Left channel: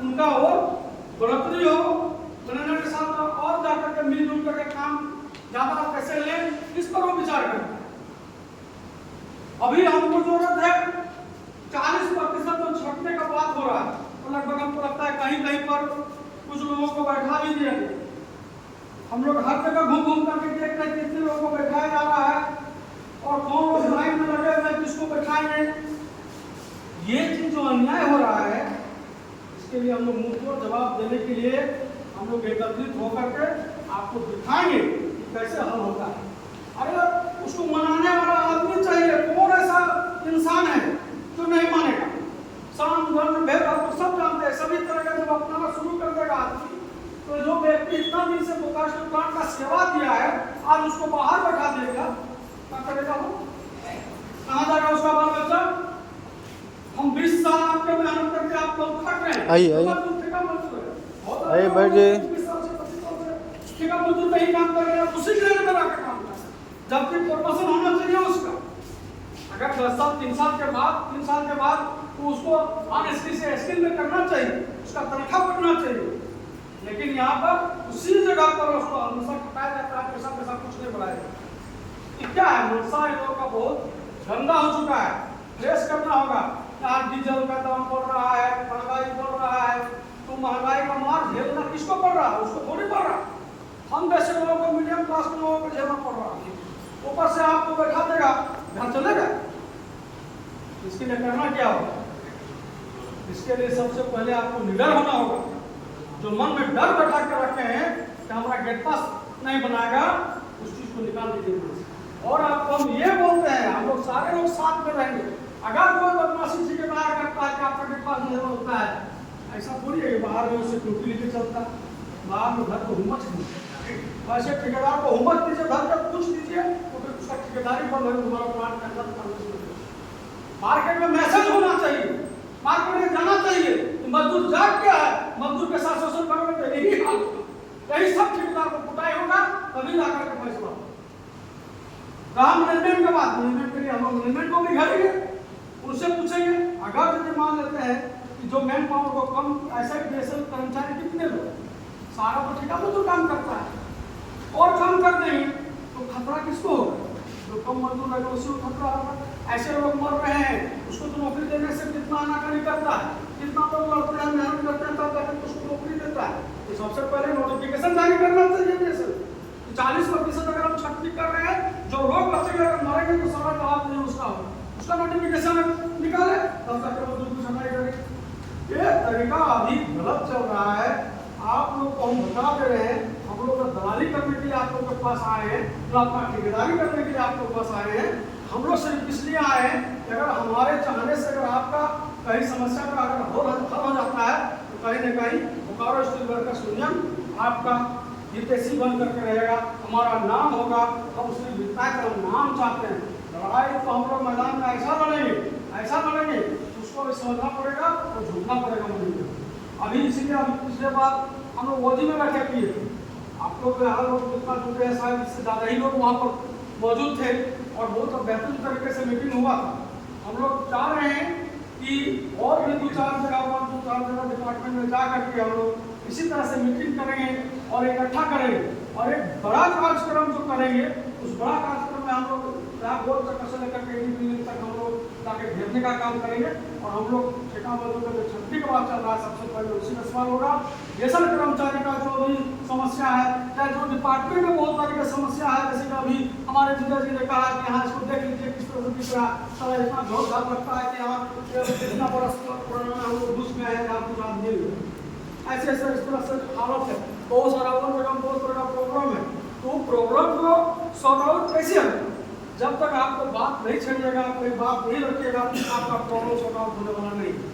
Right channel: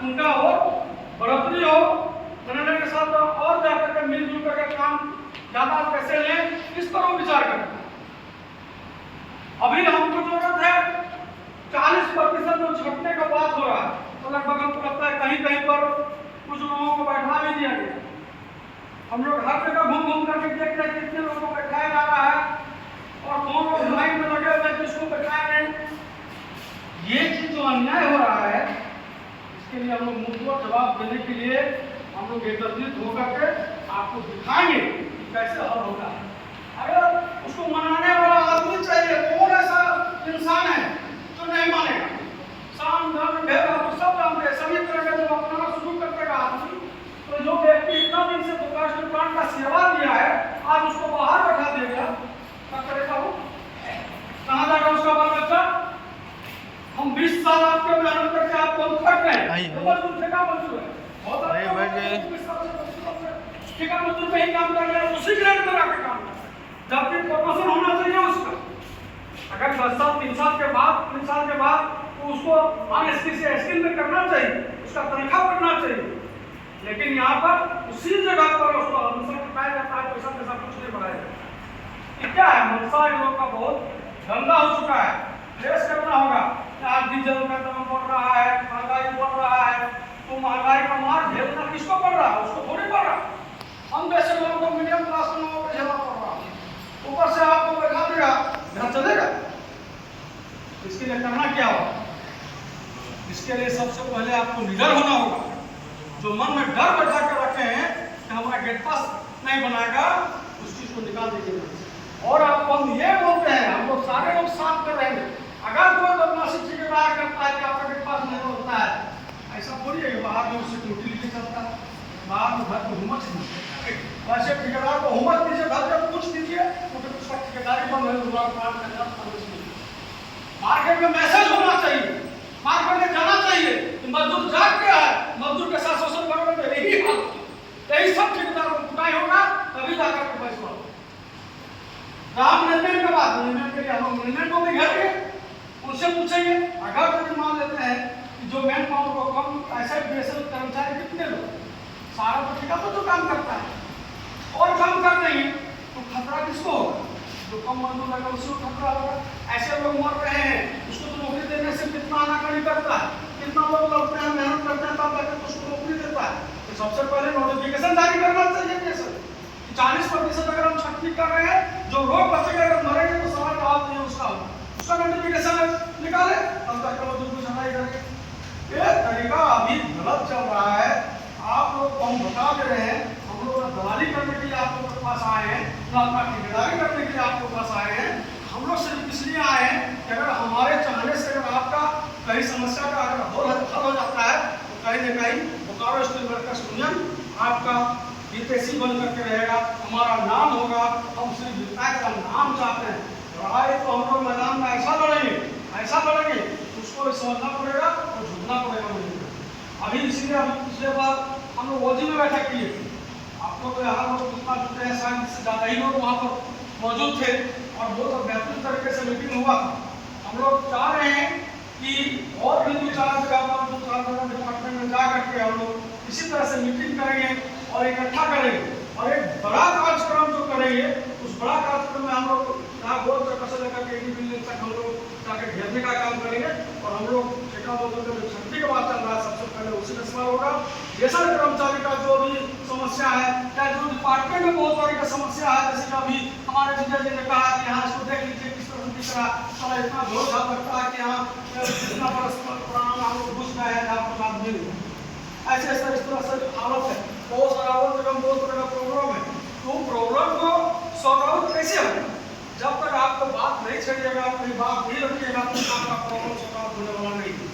उनका हो, बढ़ोतरी हो, मैनेजर के साथ और जाकर के मिलजुल करके काम ज़्यादा कैसे लें, इस पर वो विचार करता है। अभी हमको जरूरत है 40% जो छटने का बात हो रहा है, तो लगभग हमको लगता है कहीं कहीं पर कुछ लोगों को बैठा भी दिया गया। हम लोग हर जगह घूम घूम करके देख रहे हैं कितने लोगों को बैठाया जा रहा है और कौन लाइन में लगे हुए किसको बैठाए नहीं। ये चीज जो अन्याय हो रहा है, इसके लिए हम लोग मुंहतोड़ जवाब देने के लिए हम लोग एकत्रित होकर के आपको दिखाएंगे कि कैसे हल होता है। अरे उसको मनाने वाला आदमी चाहिए। कौन ऐसा इंसान है जो नहीं मानेगा? साम धर्म भेद आप सब जानते हैं। सभी तरह का जब अपनाना शुरू कर देगा आदमी, तो जो व्यक्ति इतना दिन से गोपाल का सेवा दिया है, आज उसको बाहर बैठा देगा, क्या करेगा वो? कहाँ जाएगा उसका बाल बच्चा? हम 20 साल आपके मेहनत करके आपको थक रहे हैं। ठेका मजदूर पे ही काम कर रहे हैं, उसी ग्रेड में आकर काम कर रहे हैं, जबकि प्रमोशन होना चाहिए उसका। अगर 10 साल 3 साल के बाद तो उसको ऑनेस्टी से स्किल में करना चाहिए, उसका तनख्वाह बढ़ना चाहिए। लेकिन यहाँ पर उसी जगह पर उसको हमेशा खटाया जाता है, पैसा कुछ नहीं बढ़ाया जाता। क्या है, मनसा लोग का बहुत गंदा हो चुका है। फ्रेश करना होगा। आज डीजल का दाम बढ़ रहा है, महंगाई बढ़ रहा है, तो महंगाई का मार झेलना किसको पड़ रहा है? उसको थोड़ी पड़ रहा है। हम जैसे लोगों को, मीडियम क्लास के लोगों को झेलना पड़ रहा है। ऊपर से आपको बैठा देगा, घर चलेगा। इसके लिए करना क्या होगा? इसके लिए सबसे पहले आपको निडर होना होगा। जो मन में डर बैठा कर रखे हैं कि हमारा गेट पास नहीं बनाएगा, उस चीज को निकाल दीजिए। और आपको हम ये बोलते हैं, हम लोग सारे लोग साथ में रहेंगे। अगर कोई बदमाशी ठेकेदार करता है कि आपका गेट पास नहीं होता है, ऐसा थोड़ी है कि बाहर में उससे यूटिलिटी चलता है, बाहर में घर को हुम्मत नहीं। वैसे ठेकेदार को हुम्मत दीजिए, घर में पूछ दीजिए, तो उसका ठेकेदारी बंद है, दोबारा प्लान करना। मार्केट में मैसेज होना चाहिए, मार्केट में जाना चाहिए कि मजदूर जाग गया है, मजदूर के साथ शोषण करने में यही हाल, यही सब ठेकेदार को कुटाई होगा, तभी जाकर के पैसा काम मैनेजमेंट का बात। मैनेजमेंट के लिए हम मैनेजमेंट को भी घेरेंगे, उनसे पूछेंगे। अगर यदि मान लेते हैं कि जो मैन पावर को कम ऐसा बीएसएल कर्मचारी कितने लोग, सारा तो ठेका मजदूर काम करता है और काम कर देंगे, तो खतरा किसको होगा? जो कम मजदूर है उसको खतरा होगा। ऐसे लोग मर रहे हैं, उसको तो नौकरी देने से कितना आनाकानी करता है, कितना लोग लड़ते हैं, मेहनत करते हैं, तब जाकर उसको नौकरी देता है। तो सबसे पहले नोटिफिकेशन जारी करना चाहिए बीएसएल। 40% अगर हम छटनी कर रहे हैं, जो रोग बचेगा, अगर मरेंगे तो सवाल जवाब नहीं उसका नोटिफिकेशन निकाले, तब तक वो दूसरी सफाई करेंगे। ये तरीका अभी गलत चल रहा है। आप लोग को हम बता दे रहे हैं, हम लोग दलाली करने के लिए आप लोग के पास आए हैं, तो अपना ठेकेदारी करने के लिए आप लोग के पास आए हैं। हम लोग सिर्फ इसलिए आए हैं कि अगर हमारे चाहने से अगर आपका कहीं समस्या का अगर हल हो जाता है, तो कहीं ना कहीं बोकारो स्टील वर्कर्स यूनियन आपका हितैषी बन करके रहेगा, हमारा नाम होगा। हम सिर्फ विधायक का नाम चाहते हैं। लड़ाई तो हम लोग मैदान में ऐसा लड़ेंगे, उसको भी समझना पड़ेगा और झूठना पड़ेगा। अभी इसीलिए अभी पिछले बार हम लोग मोदी में बैठक किए थे। आप लोग यहाँ लोग जितना जुटे हैं, शायद इससे ज़्यादा ही लोग वहाँ पर मौजूद थे और बहुत बेहतरीन तरीके से मीटिंग हुआ। हम लोग चाह रहे हैं कि और भी 2-4 जगह पर, 2-4 जगह डिपार्टमेंट में जा करके हम लोग इसी तरह से मीटिंग करेंगे और इकट्ठा करेंगे और एक बड़ा कार्यक्रम जो करेंगे, उस बड़ा कार्यक्रम में हम लोग जहाँ गोल चक्कर से लेकर के बिल्डिंग तक हम लोग जाके घेरने का काम करेंगे। और हम लोग ठेका मजदूर में छुट्टी का बात चल रहा है, सबसे पहले उसी में सवाल होगा। रेशन कर्मचारी का जो भी समस्या है, चाहे जो डिपार्टमेंट में बहुत तरह की समस्या है, जैसे कि अभी हमारे जीजा जी ने कहा कि यहाँ इसको देख लीजिए किस तरह की तरह इतना झोल झाप लगता है कि यहाँ इतना बरस पुराना में हम लोग घुस गए हैं, आपको लाभ मिल गए। ऐसे ऐसे इस तरह से हालत है, बहुत सारा और जगह बहुत तरह का प्रॉब्लम है। तो प्रॉब्लम को सॉल्व आउट कैसे होगा? जब तक आपको बात नहीं छेड़िएगा, कोई बात नहीं रखिएगा, तो आपका प्रॉब्लम सॉल्व आउट होने वाला नहीं।